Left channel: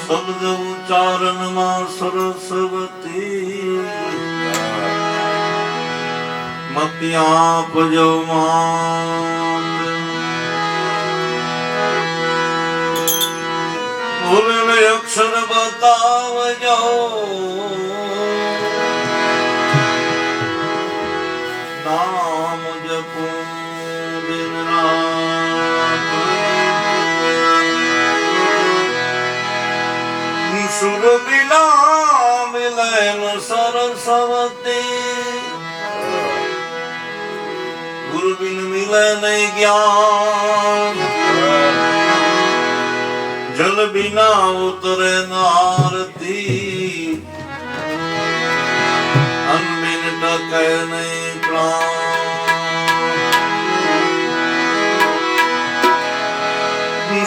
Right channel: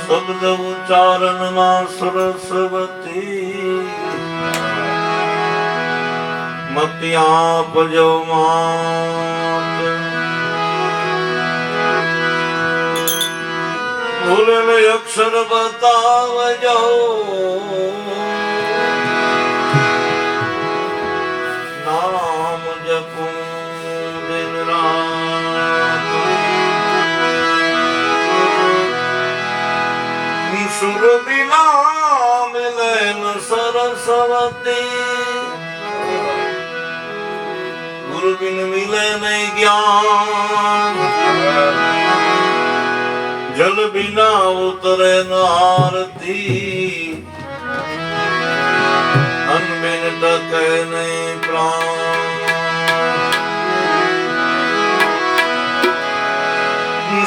શબ્દ ઉચ્ચારણમાં સરસ્વતી મતિ આપજો માત ભૂલને અક્ષર બતાવજો નામ જપું દિન રાત સુર બિના મિલન સરસ્વતી ગુરુ બિન મિલે નહીં જ્ઞાન જલ બિના ઉતરે ન આરતી અન્ન બિન ટકે નહીં પ્રાણ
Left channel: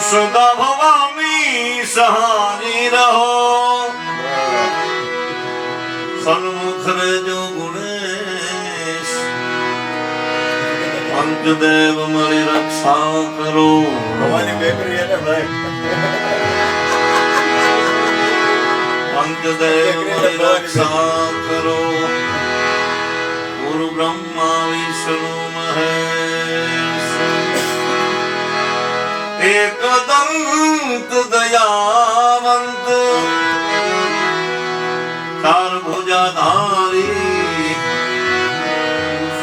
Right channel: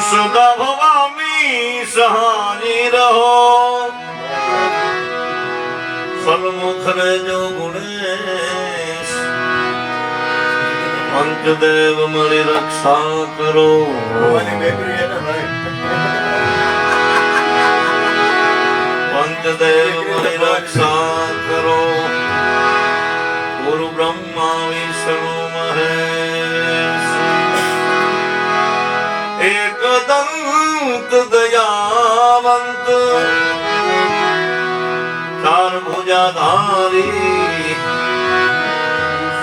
સદા ભવાની સહાની રહો સન્મુખ રેજો ગુણેશ પંચદેવ મળી રક્ષા કરો પંચદેવ મળી રક્ષા કરો ગુરુ બ્રહ્મા વિષ્ણુ મહેશ એકદંત દયાવંત ચાર ભુજાધારી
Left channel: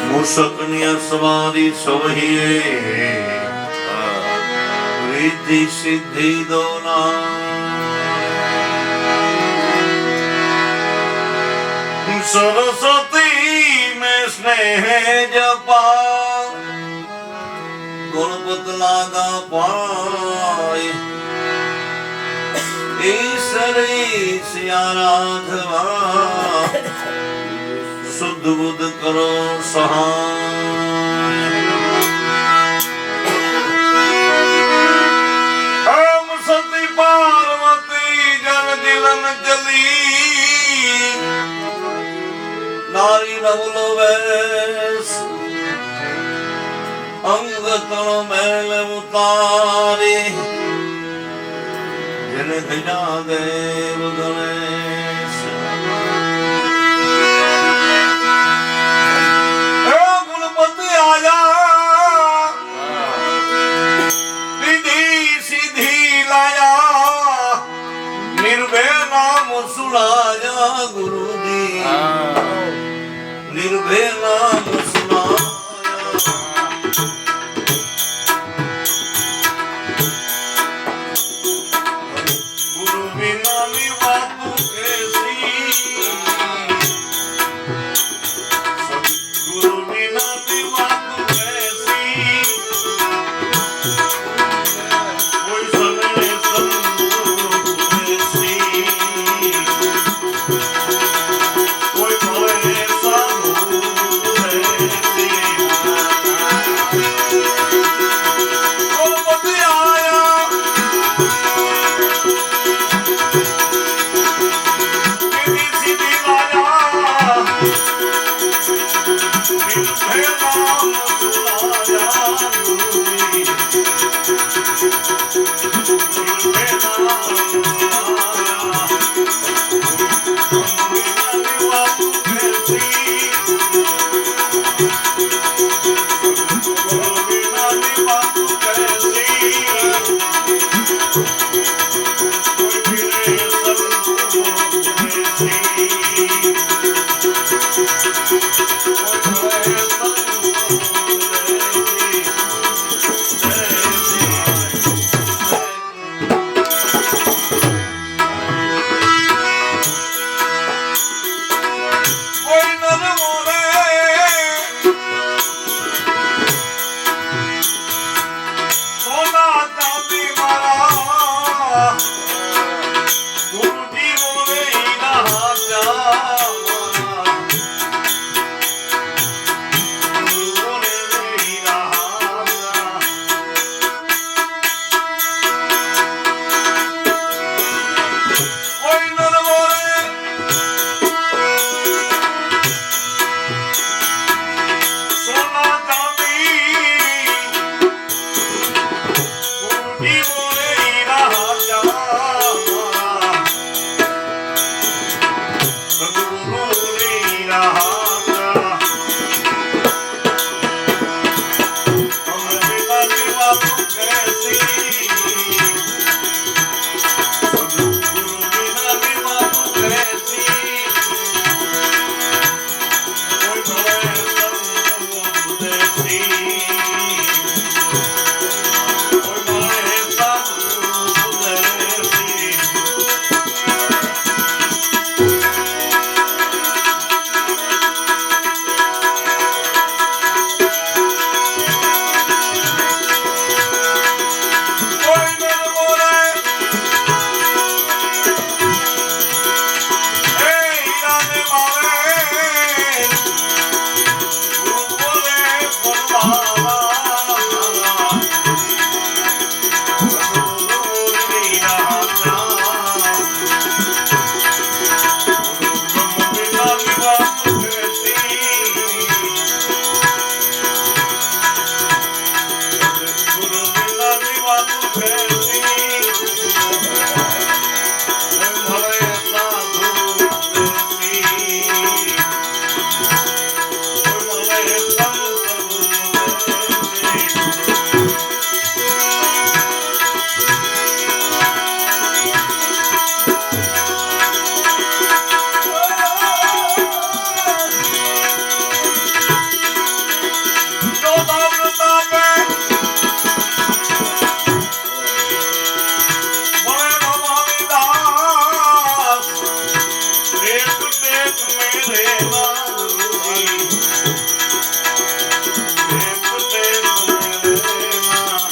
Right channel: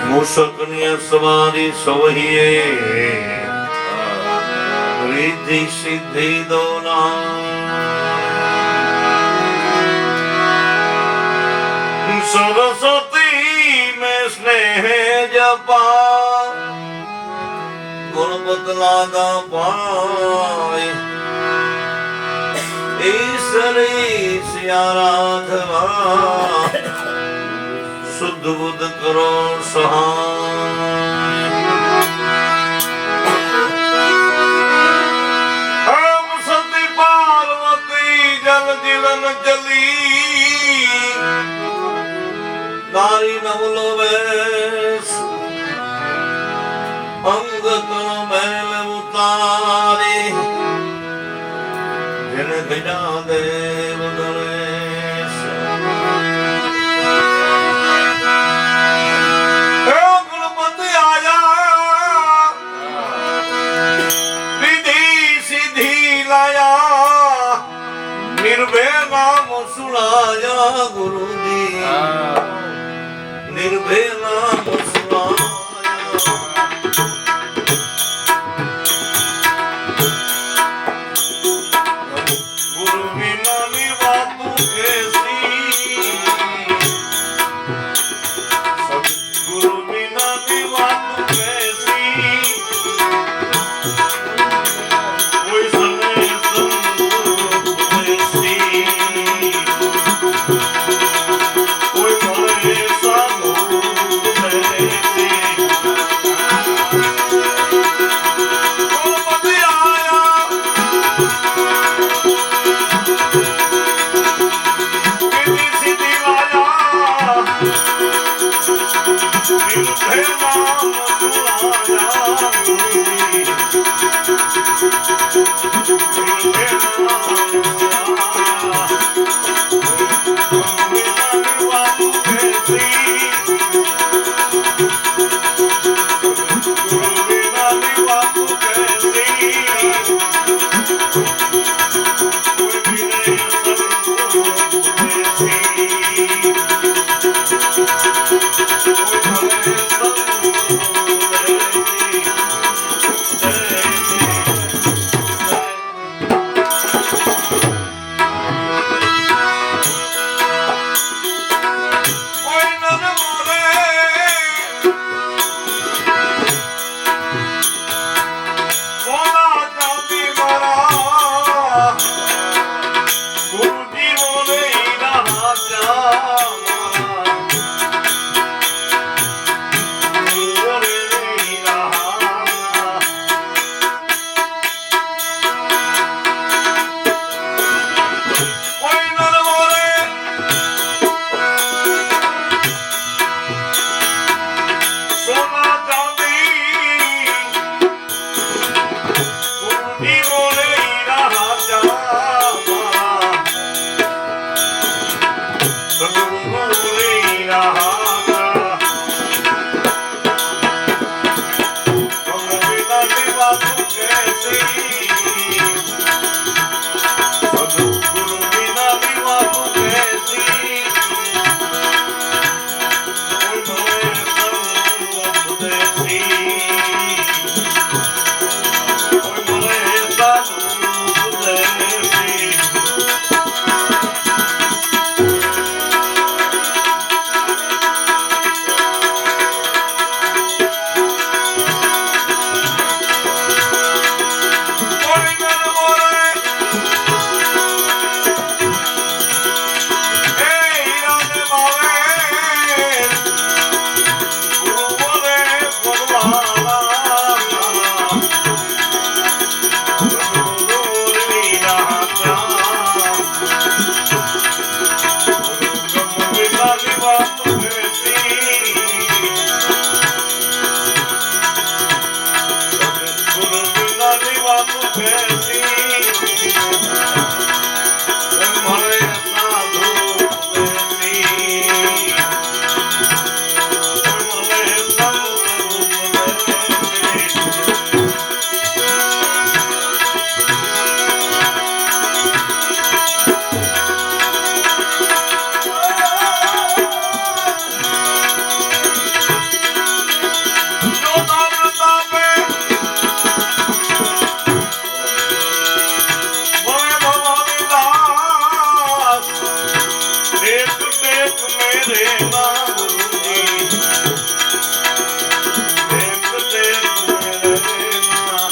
મૂષકની સવારી સોહીએ રિદ્ધિ સિદ્ધિ દોલા સરસ્વતી મેં સ્નેહ જપા ગુરુપત લાગા પાય ઈશ્વરી આરાધવા શુદ્ધ બુદ્ધ કરો સહાય હમ સતી પાર્વતી જલ જીલન જલી નારી નવલો વેશ અંગ તળ મેલ ઉતારી જન ગજા દેવ ગણેશ ગુણપતિ આયા વિધિ સિદ્ધિ લાયા નિર્ભય નામ સુણાયા ગુરુજી નિર્ભય નામ સુણાયા આપે મને ભવાની દાસ ટેક ટેક મેરે ના ગુરુજી ટેક ટેક મેરે ના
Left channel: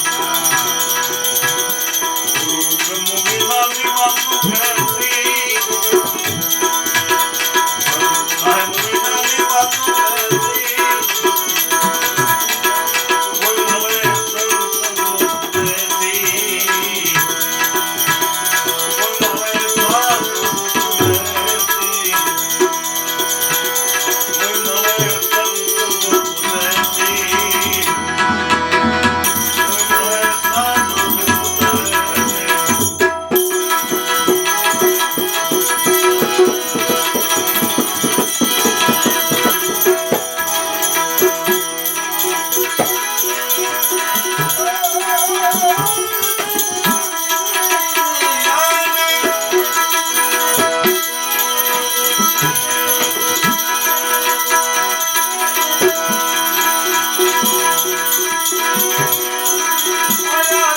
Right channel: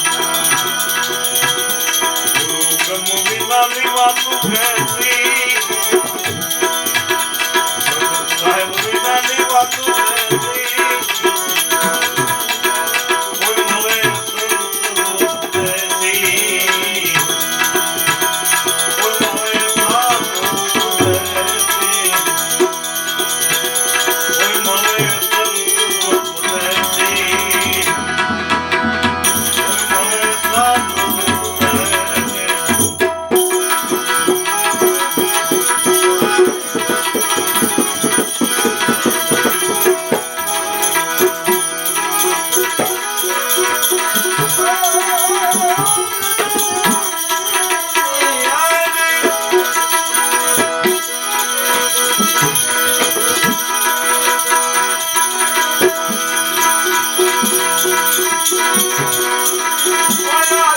ગુરુ ગમુની વાલી વાતો કહેતી સાહેબની વાલી વાતો કહેતી કોઈ મળે સંત કહેતી કોઈ મળે સાધુ કહેતી કોઈ મળે સંત કહેતી કોઈ મળે સાધુ કહેતી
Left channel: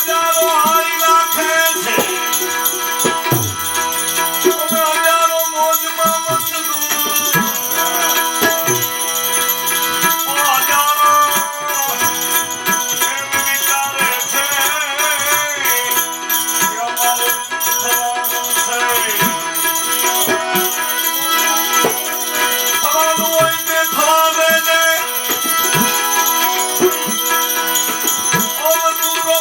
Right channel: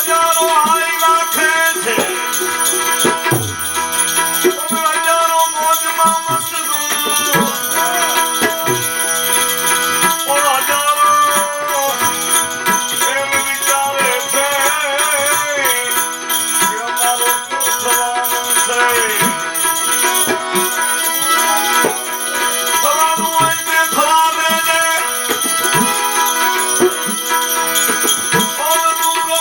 હજારો હારી રાખે છે હજારો મોજમાં મશગુલ હજારો એમ વિચારે છે કે અમારું શું થવાનું છે થવાનું હોય તે થવા દેજે ઓ તું તો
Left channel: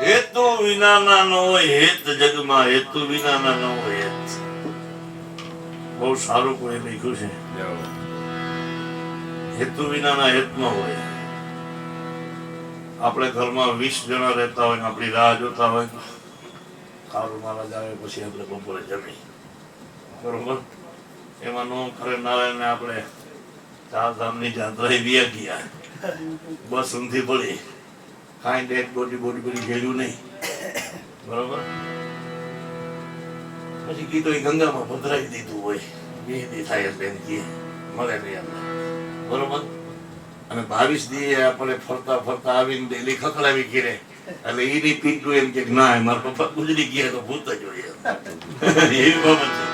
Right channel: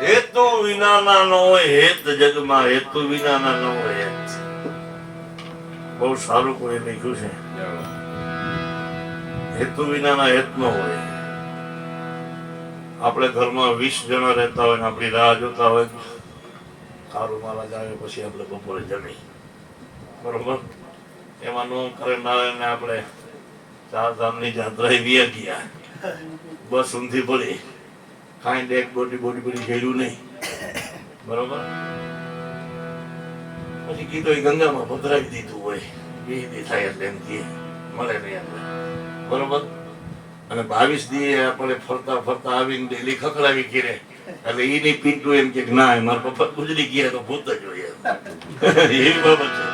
હેતુ વિનાના ન હોય હેત જગમાં હેતુ વિનાના ન હોય હેત. બહુ સારું કોઈ લખ્યું છે. હેતુ વિનાના હેત ન હોય. આપણે ઘરમાં 20 જણા રહેતા હોય ને આપણી રાહ જોતા હોય સારું માલા આવે પછી આપણે બપોરે જમી બરોબર એમાં નું કરે નારાયણ આપણે 4 ધામની જાત્રાએ વ્યા ગયા બસ ઊંધી પડી ખાઈને એક બોડી ઘેર્યું નહીં બરોબર પછી કીધું એ ગંગામાં પધરાવી દીધું હોય 2 દી થાય એટલે એમ કહે મળે નહીં અંદર બરોબર અને 22 દી આપણે ફરતા ફરતા આવીને ડેલી ખખડાવી ઘેરે એટલે એની પીંટું એમ કે ના મારા પપ્પા ગુજરી ગયા તો ભૂત જ હોય એવી બાબત છે.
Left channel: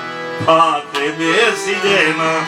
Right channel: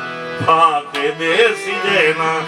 ફાતે બેસી જેમાં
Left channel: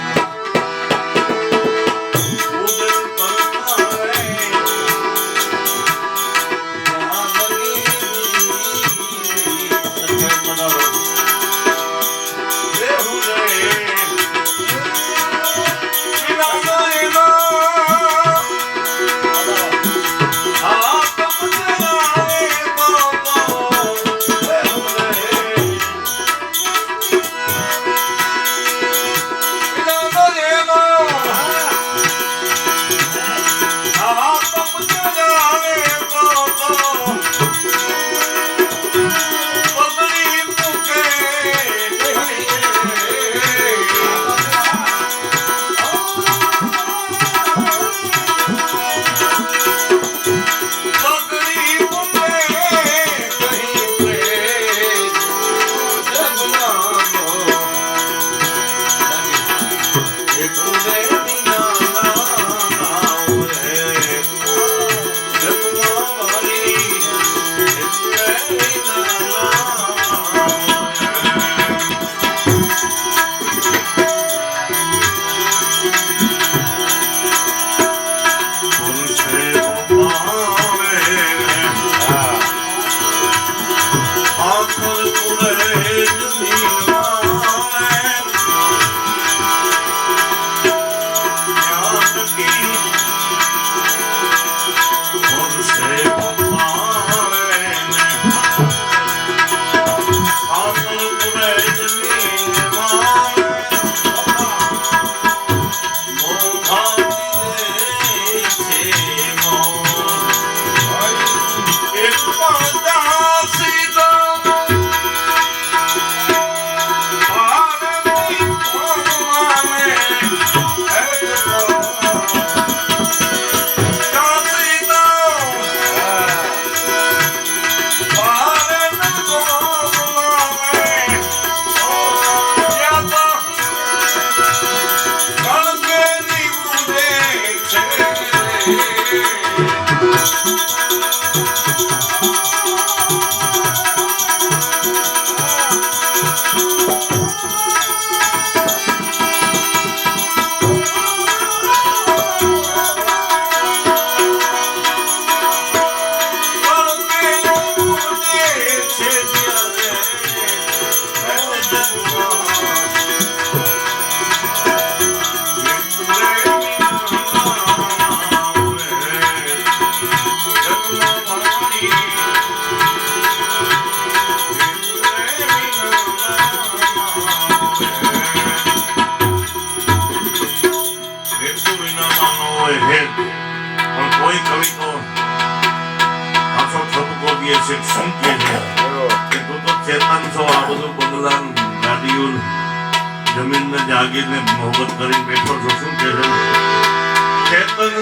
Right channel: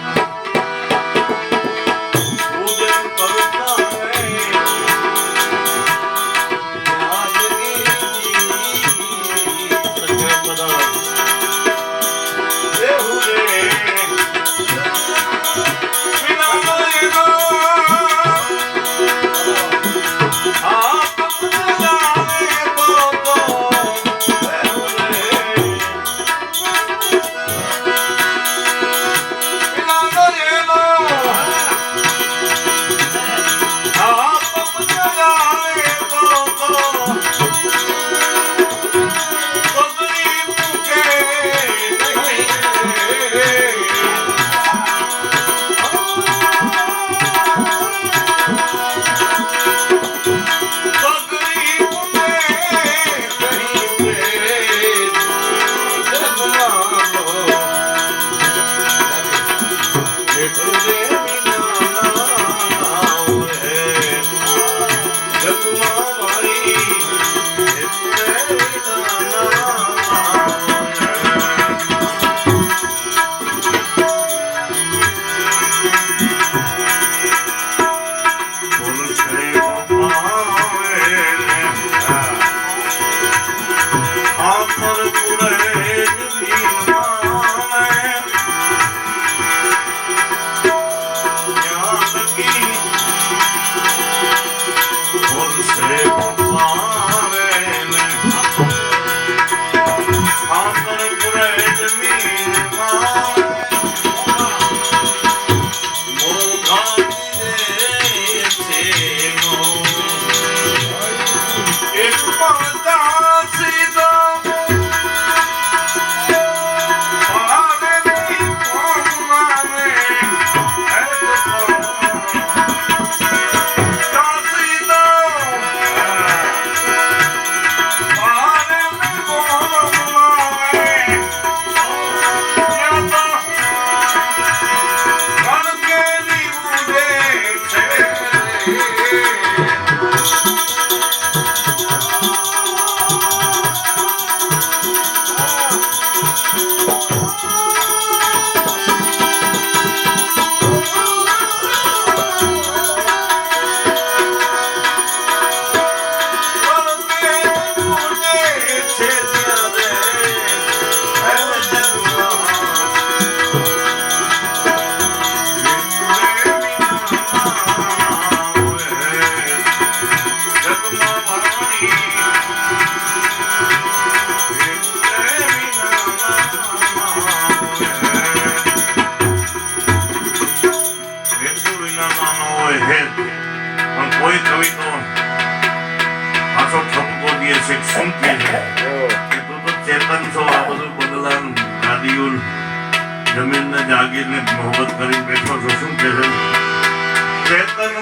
કોઈ કવિ તો આસો ઠપકો દે છે શું કે છે તું તો ચેતન છો આ બધું બદલામ ગાડીઓ જમીન ને જાગીર ને મોહબ્બત કરી બેઠો છો શું કે છે ચેતન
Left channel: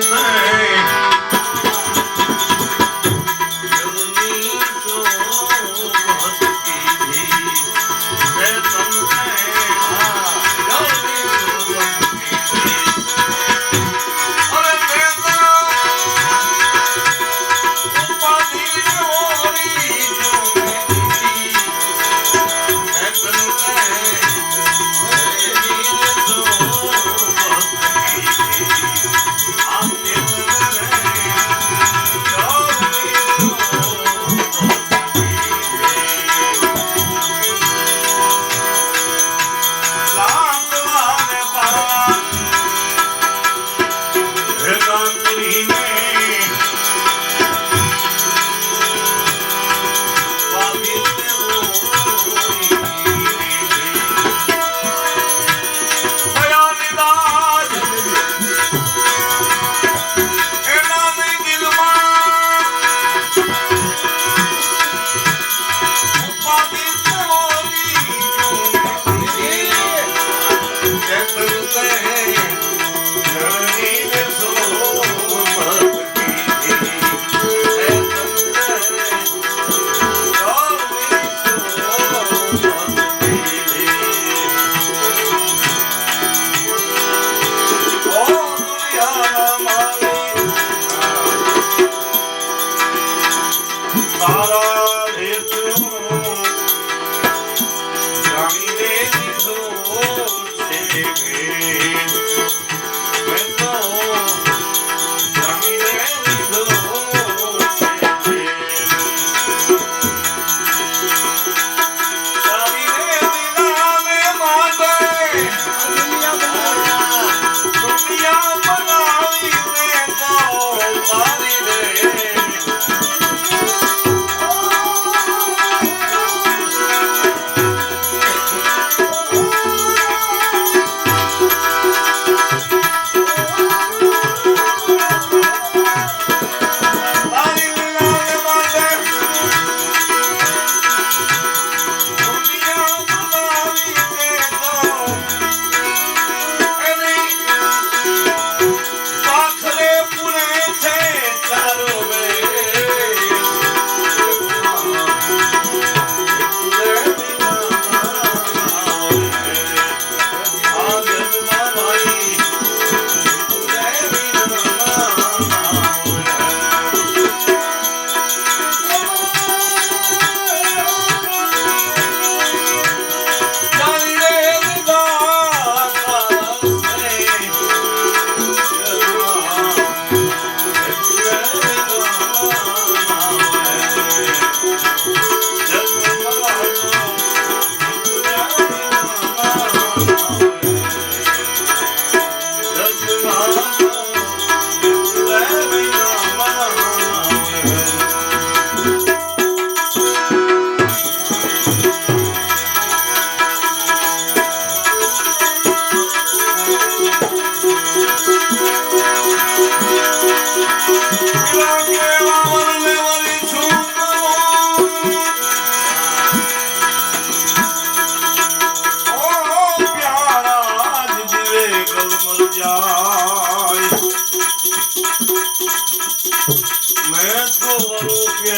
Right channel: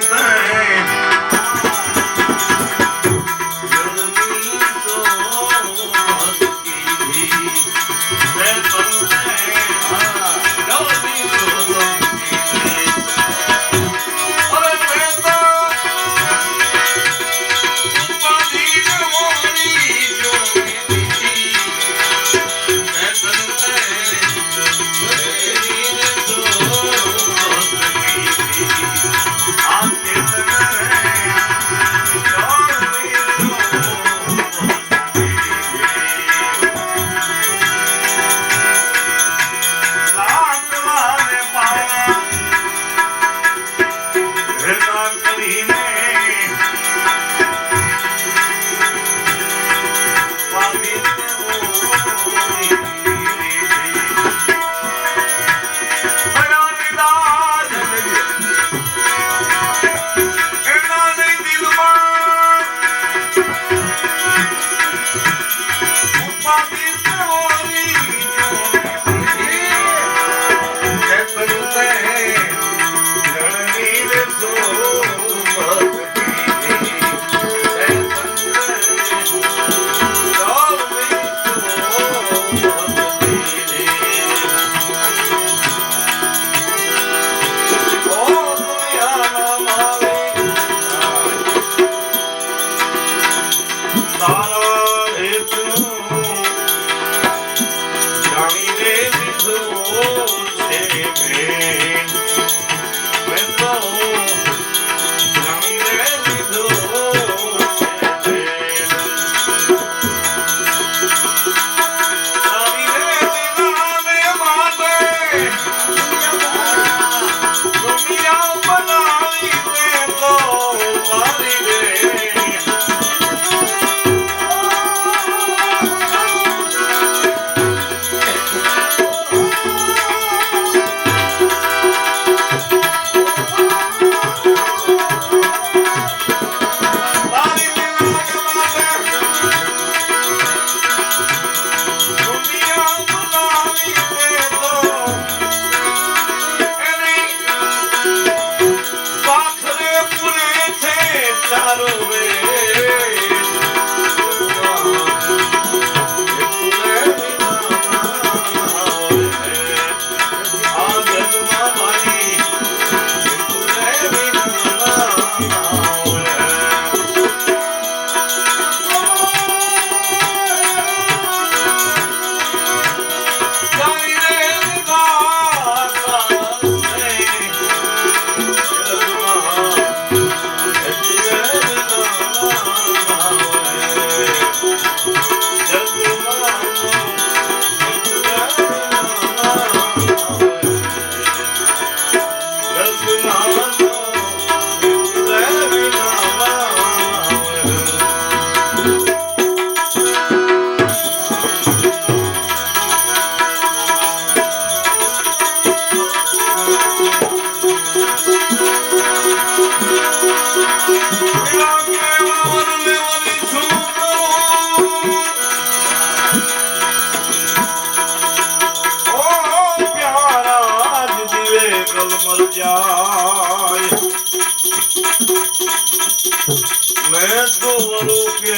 मैं तो रूपे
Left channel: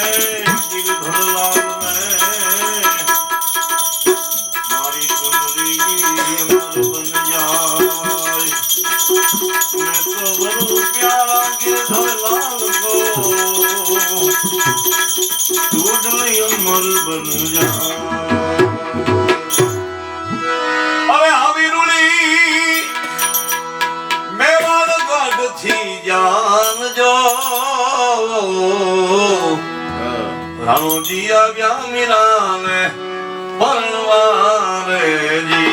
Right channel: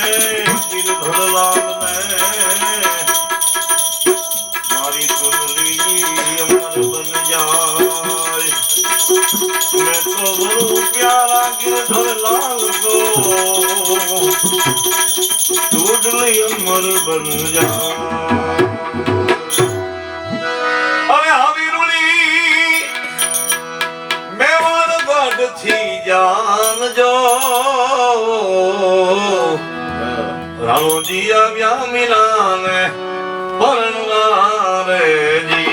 गिरधरलाल में मारी सुंदरी अमर बन जाए। मैं तो बड़ू प्यारा गिरधरलाल को टूटली अमर बन जाए। अरे हवीरुली मेवाड़ गढ़ थी जान जो राणो जी आव्या मिलाने परवारे जी।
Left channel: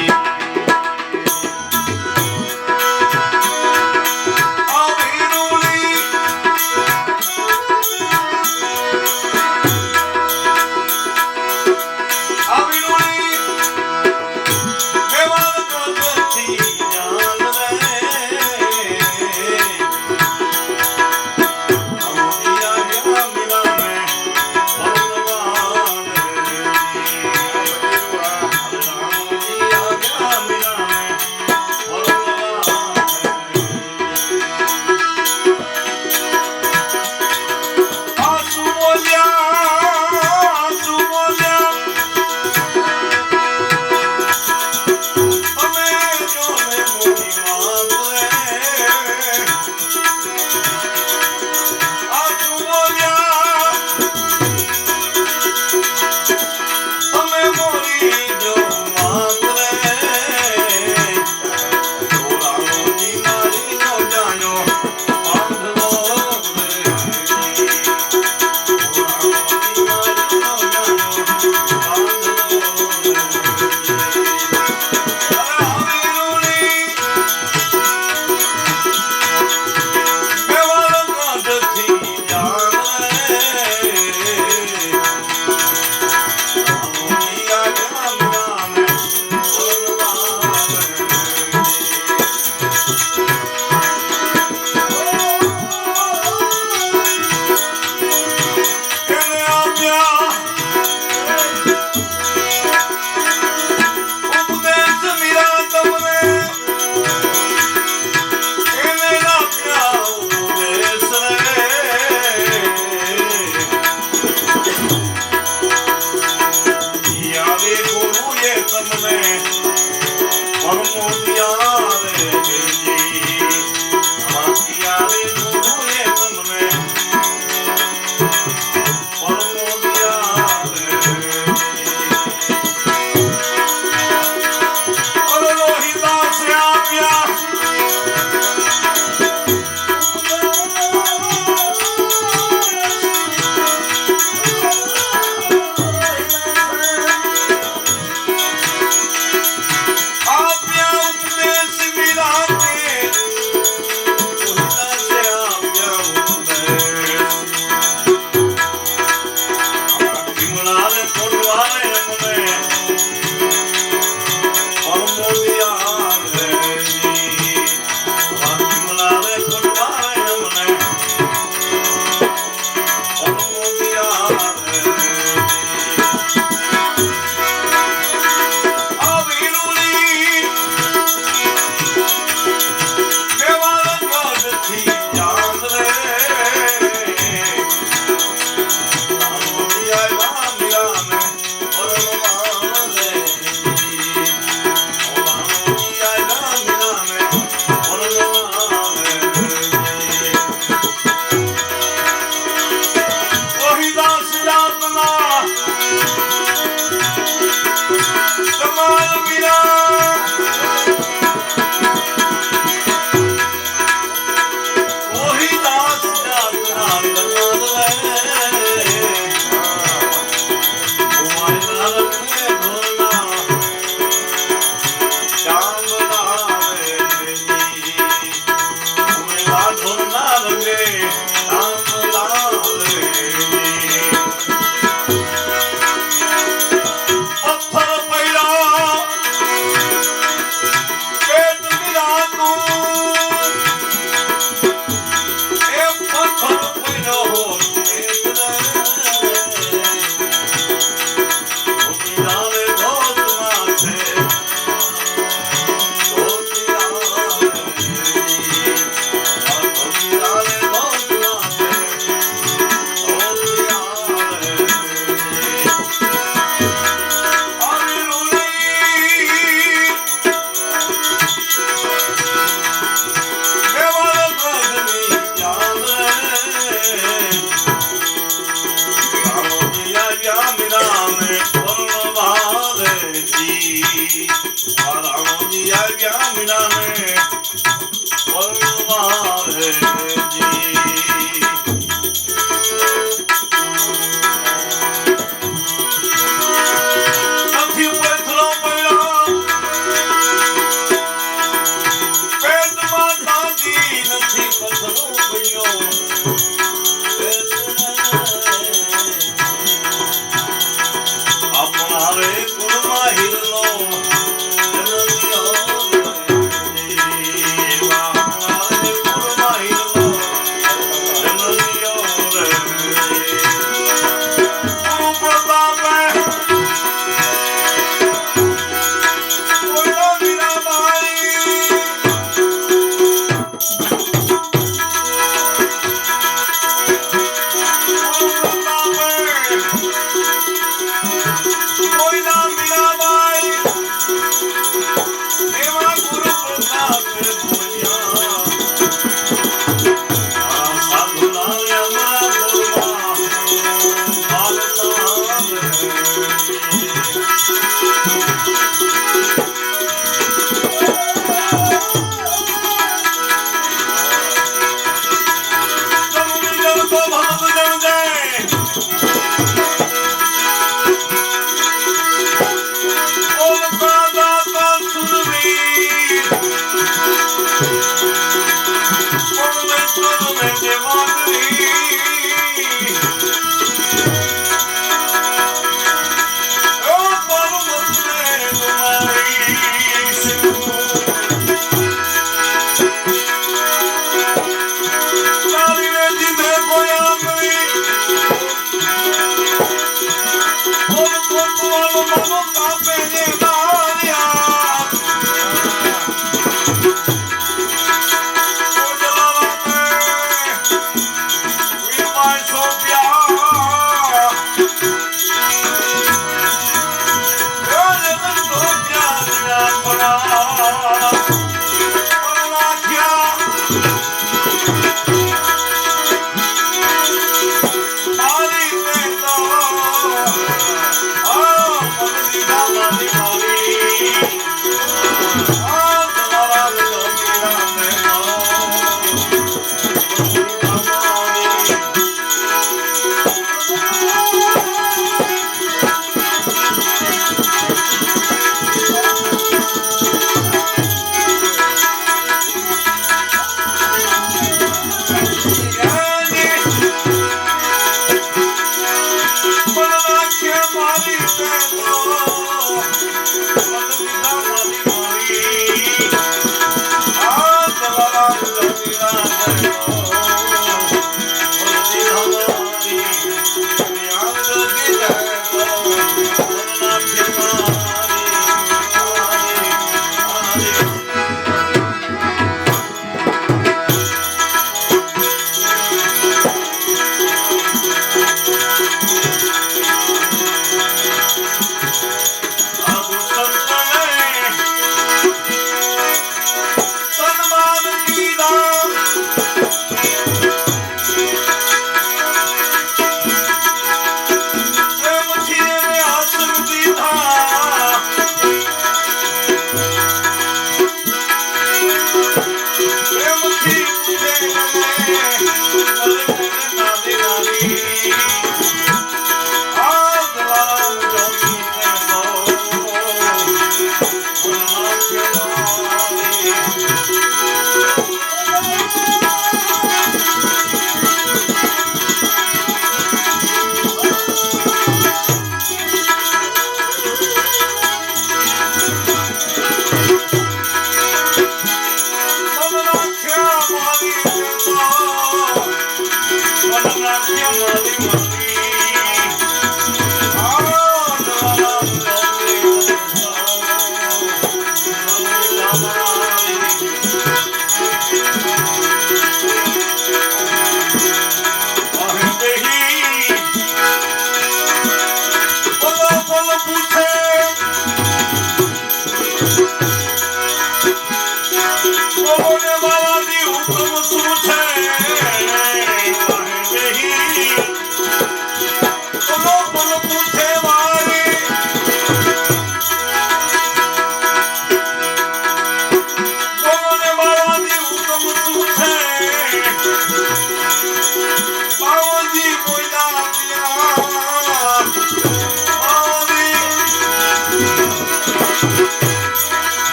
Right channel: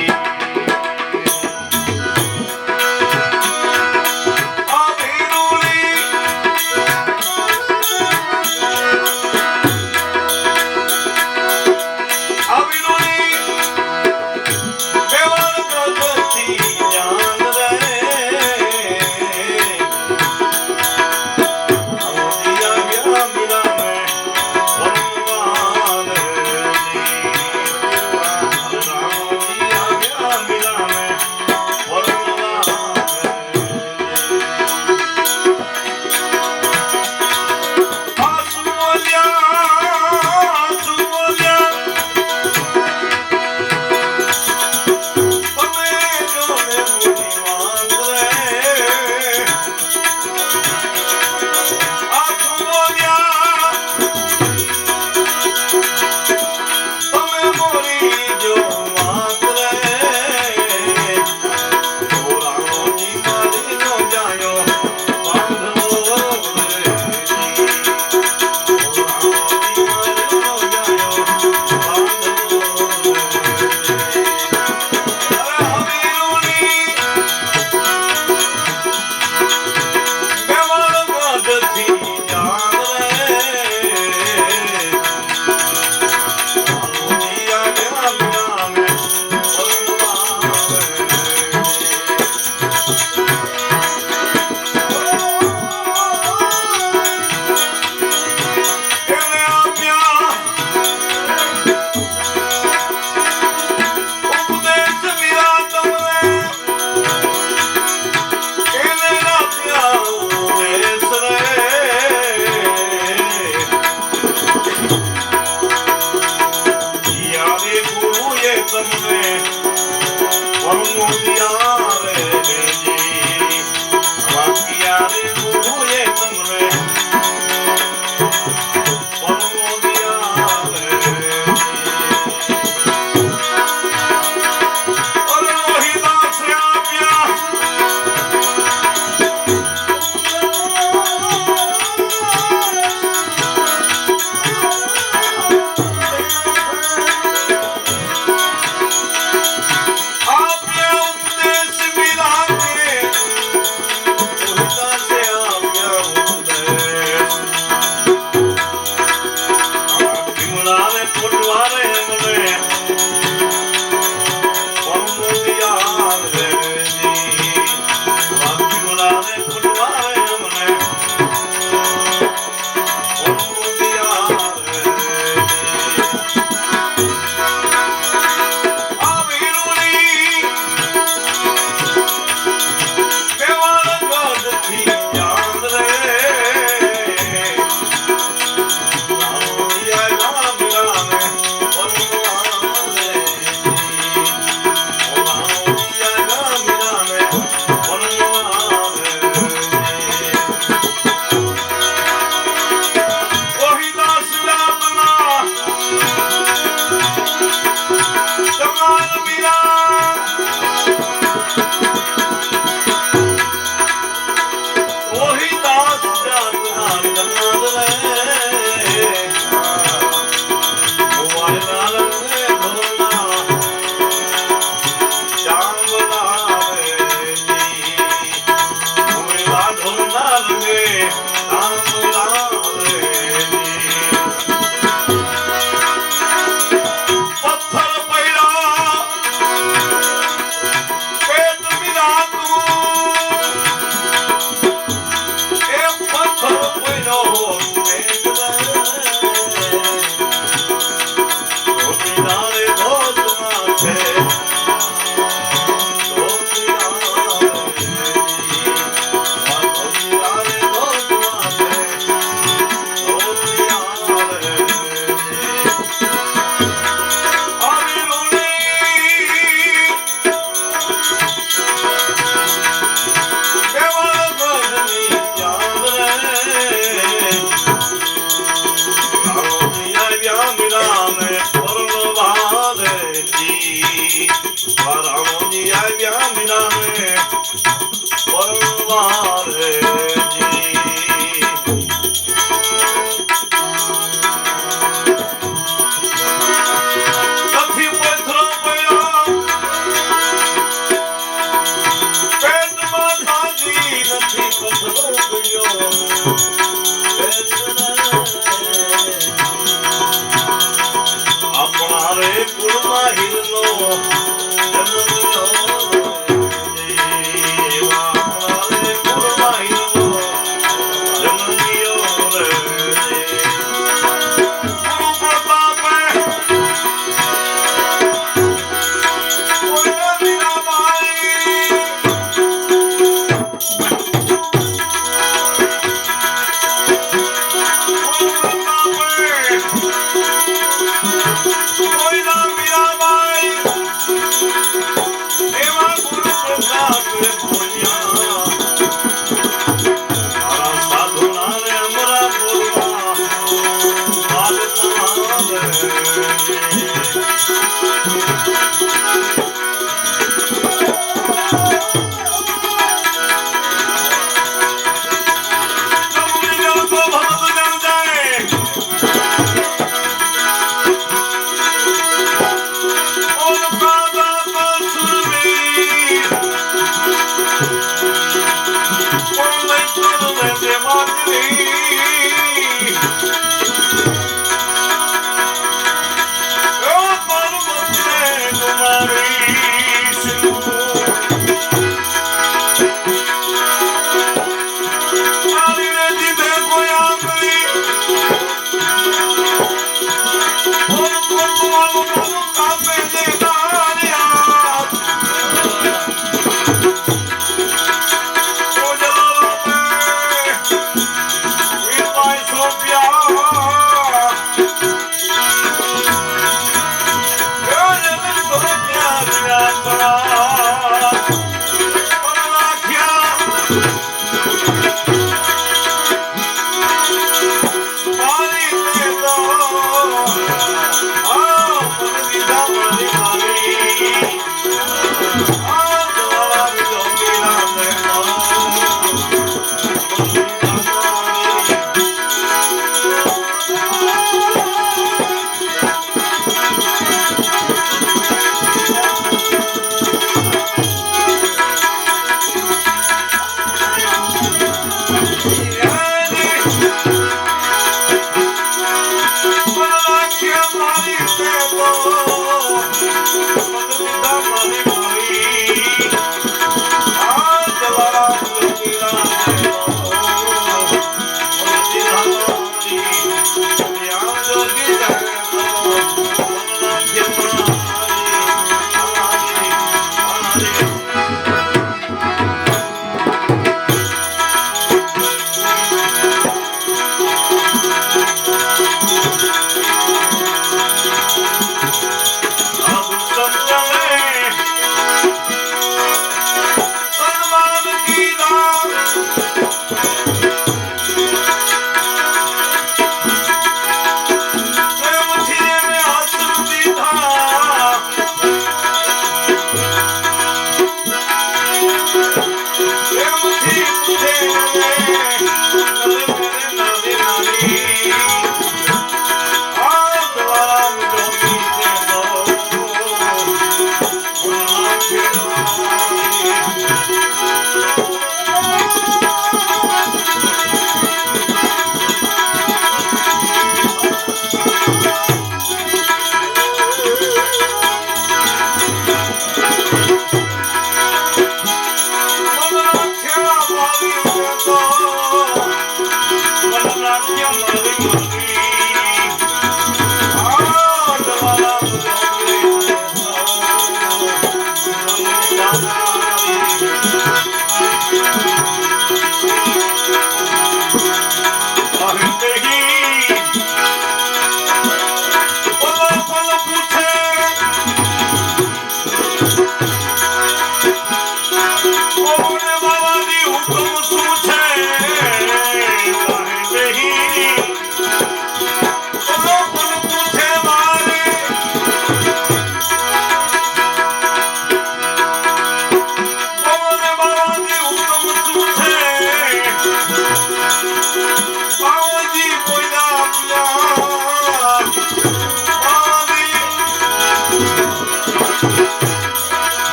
તમને પરમોદિયા રે જી આખિયા રે હું એ તમને પરમોદિયા રે ઓર લોહીદાસ આપ્યા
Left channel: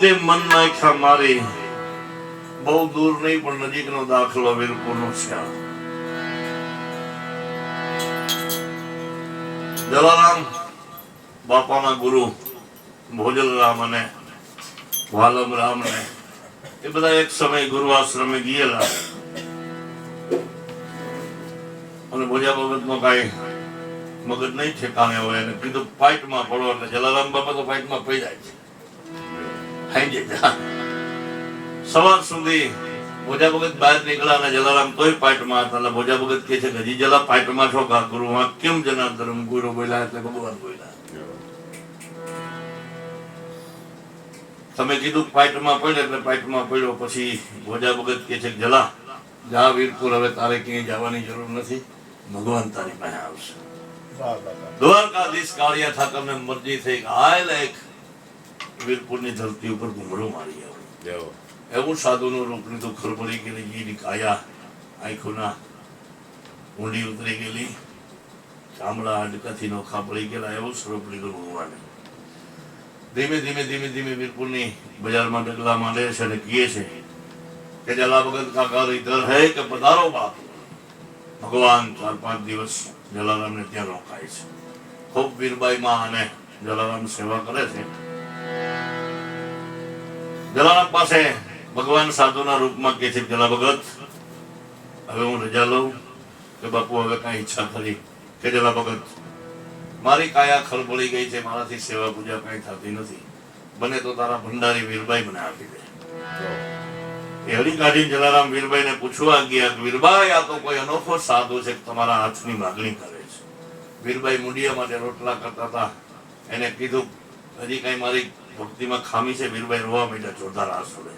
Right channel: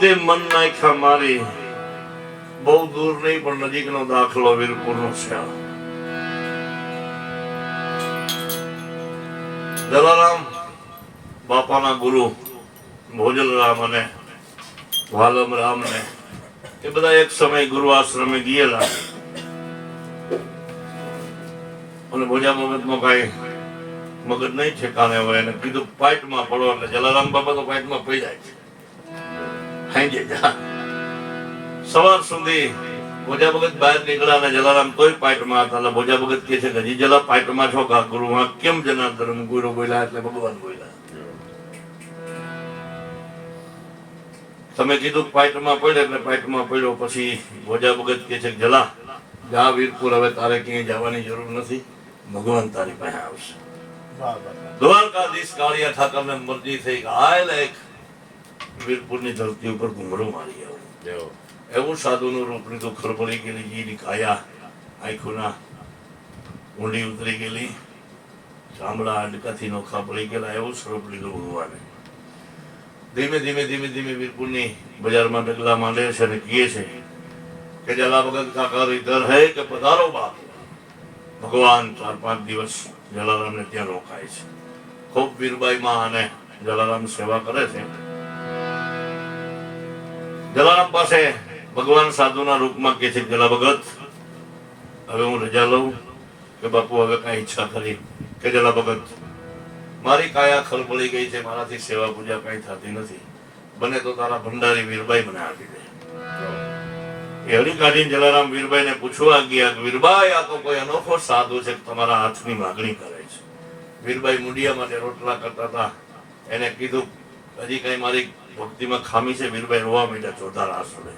તે મન નાખ્યા મારી, બહુ દૂર નહીં પણ નજીકનો દાખલો વીરપુરનો છે. જલારામ બાપાના ગુરુ ભોજલરામ અને વાલમરામ ને એ બધા એક સમય ગુરુ આશ્રમે ગયેલા અને ભોજા બાબતમાં કાંઈ મગજ નહીં ઠેકાણે હોય એને કીધું પાઇટમાં પડો એટલે જલારામ બાપા તો પાઇટમાં પડી જાય છે. સવાર સુધી ભોજા ભગત બહાર નીકળ્યા અને જલારામ તોય પાઇટમાં હતા. એટલે ભોજા ભગત કહે છે કે હજી જલા પાઇટમાં છો કા ગુરુ? કેમ જનાર્દન? ગુરુ બોલ્યા એટલે ભગવાન બોલ્યા, તમે કીધું પાઇટમાં પડ્યો એટલે પાઇટમાં પડ્યો. પછી ભોજા ભગત કહે છે જલા જા વીરપુર, હવે તારે ક્યાંય જવાની જરૂર નથી, ભગવાન તારી પાસે આવશે. દ્વારકાધીશ કાળિયા ઠાકરને મરજી થઈ કે હાલ એક વીરપુરની ધરતી ઉપર ઘુમરો મારી આવું. એવું સાધુનું રૂપ લીધું, ખરબડી ગયેલી જીની કાયા, આંખોના ઊંડી ઉતરી ગયેલી, ચામડા અડકાથી નોખા પડી ગયેલા, એવું સ્વરૂપ લીધું ભગવાને. ધીમે ધીમે ધીમે ધીમે વીરપુરની બજારમાં ડગલા માંડે છે અને કહે છે કે જલા ભગત કાકા ઇધર હે કે પધારો બાપ. ભગવાન 4-5 દિવસ જલારામને ત્યાં રોકાય છે. ખૂબ વીરબાઈ માં અને જલારામ સેવા કરે છે. જલારામ પાસે ભગવાન સાધુના રૂપમાં કહે છે જલા ભગત હવે હું રજા લઉં કે બાપુ હવે કઈ ઈચ્છા ખરી? કે જલા ભગત મારી કાયા ખરબળી ગઈ છે, મારાથી સેવા પૂજા કઈ થતી નથી, બને તો તારા ભંડારી વીરબાઈ મને આપી દે. એ હળી કાઢીને જલારામ વીરબાઈને પૂછવા ગયા કે વીરબાઈ આ તો કોઈ અનોખો સાધુ છે, તમારા હાથની માગણી કરે છે. વીરબાઈ મુંડિયા માટે રોટલા કરતા હતા. એને કીધું હજી કઈ મારી ભક્તિમાં ખામી છે? વીરબાઈ રોવા માંડ્યા જોરદાર આંસુડે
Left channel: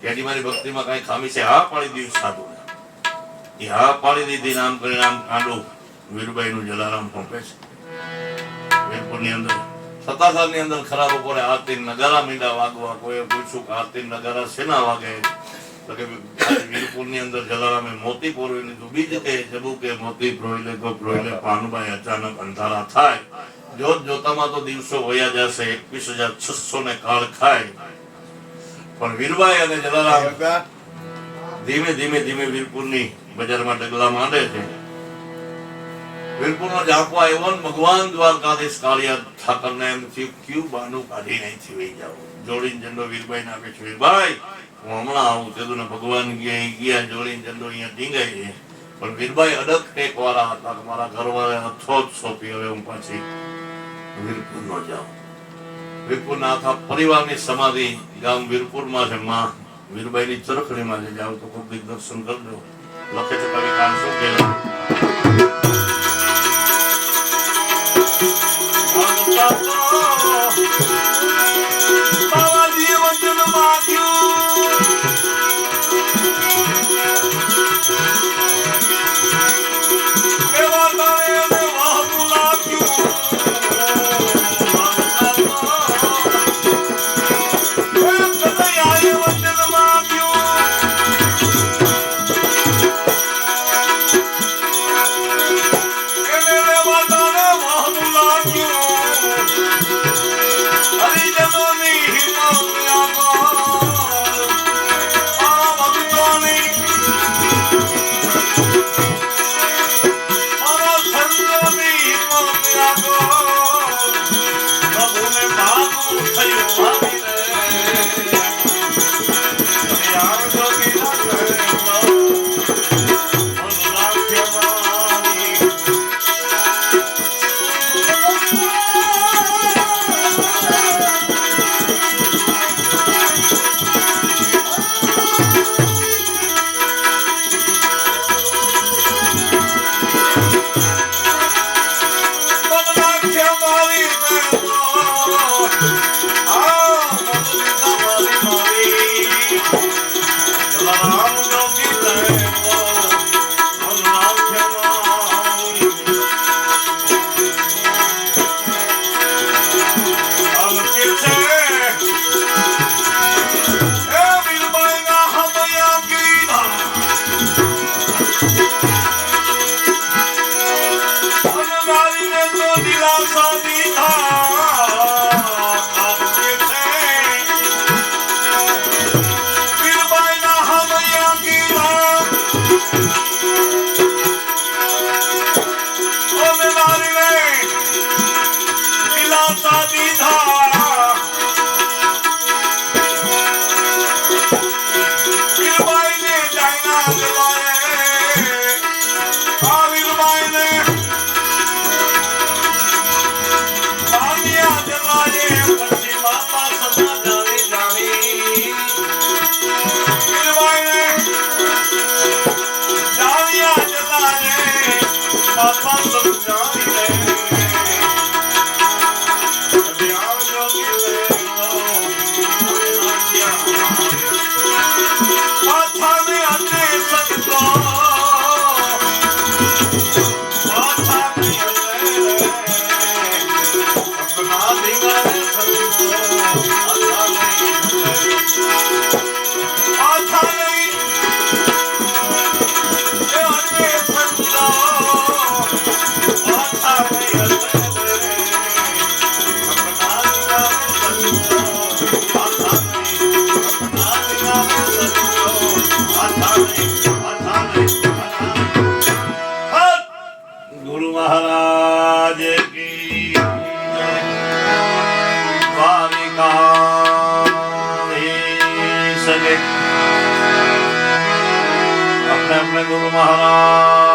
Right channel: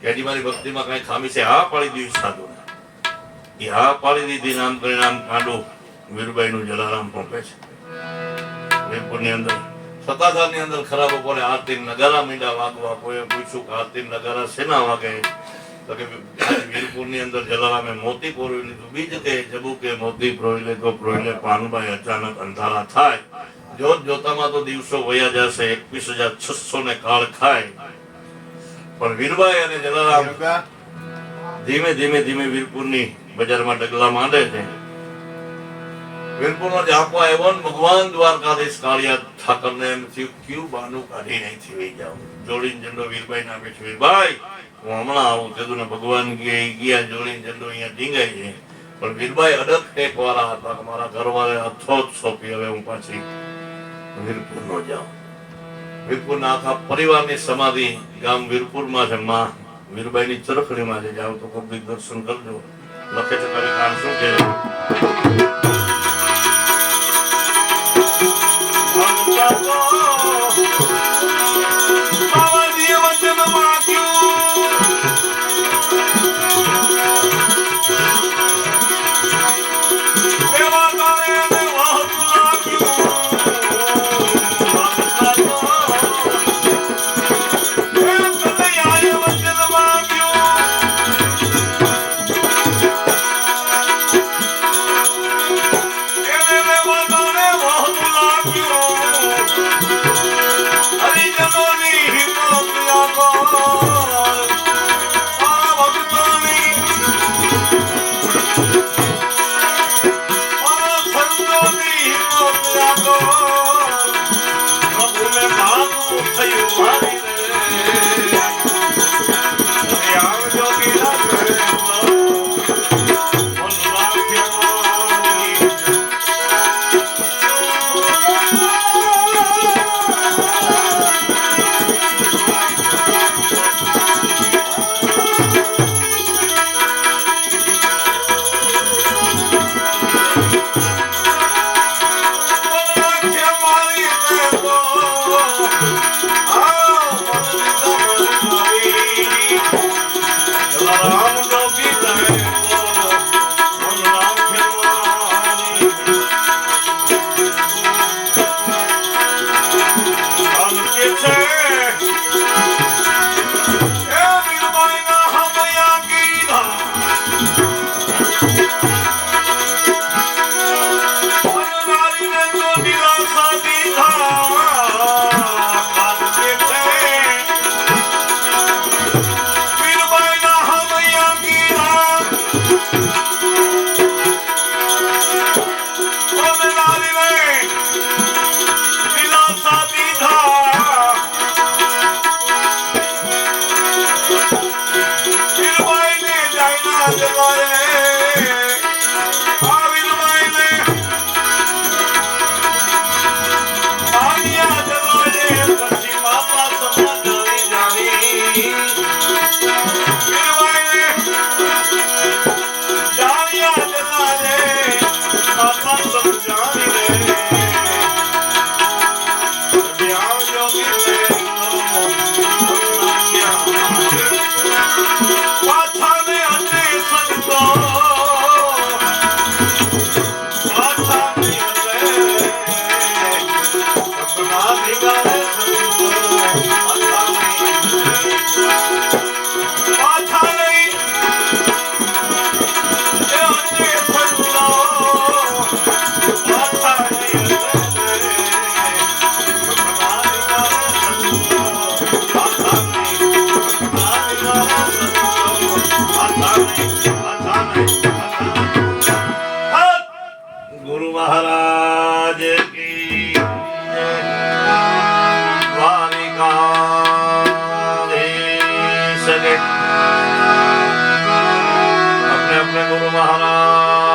કે હજી મારી ભક્તિમાં કઈ ખામી છે? હા પાડી દીધી સાધુને. એ હા પાડી દીધી. નામ કરીને આમ કાંડું વીરબાઈનું જલારામ પહોંચે છે વીરપુરની અંદર. સત્તાધારની અંદર ખરાબ બપોરે આરતી નગારા મીંડા વાગવા. કોઈએ પૂછ્યું કે આરતી નગારા શેના વાગે? તો કે વીરપુરની અંદર જલારામે મોતી પોરવી લીધું. બીજ કે જબુ કે મોતી પ્રોયલે તો પ્રોયલે પાનબાઈ અચાનક અંધારા થાય. જોત જોતામાં તો દિવસો વયા જશે, 21,600 ને કાળ ખાય. પણ વીરબાઈ અને જલારામ ધીમે ધીમે ધીમે વીરપુરની બજારમાં ડગલા માંડે છે. વીરપુરનો જાપો આવ્યો ને ભગવાન દ્વારકાધીશ કાળિયા ઠાકરને એમ થયું ક્યુ બાનું કાઢી અહીંથી વહી જાવ. જોડીને ઝંડો વીરબાઈ ને આપે છે. વીરબાઈ હું હમણાં આવું કીધું ને ભગવાન ગયા જોડીને ઝંડો અહીંયા ટીંગાઈ છે. પણ વીરબાઈ અડગ ટેક વાળા હતા કે મારા ઘરવાળે અથોત સોંપી હવે હું પાછી વીરપુરમાં જાઉં. વીરપુરના આખા પરિવારની સમાધિ ગામ વીરપુરમાં છે. માં વીરબાઈની ચરખડીમાં છે. જાવ તો ખૂબ દર્શન કરજો. લખે છે કવિ કાન શું કહેવાય બાબાજીએ વચન માગ્યું એવા ગામે અમે વહાવું લાગ્યું. કનૈયાએ વચન માગ્યું એને રેવા ગામે વહાવું લાગ્યું. પાછા ને અંતે સંતો પાછા ને સપના દિવારે સંતો પાછા નહીં એ અંતે સંતો પાછા નહીં गुरु महाराज की सगे अपने अपने गुरु महाराज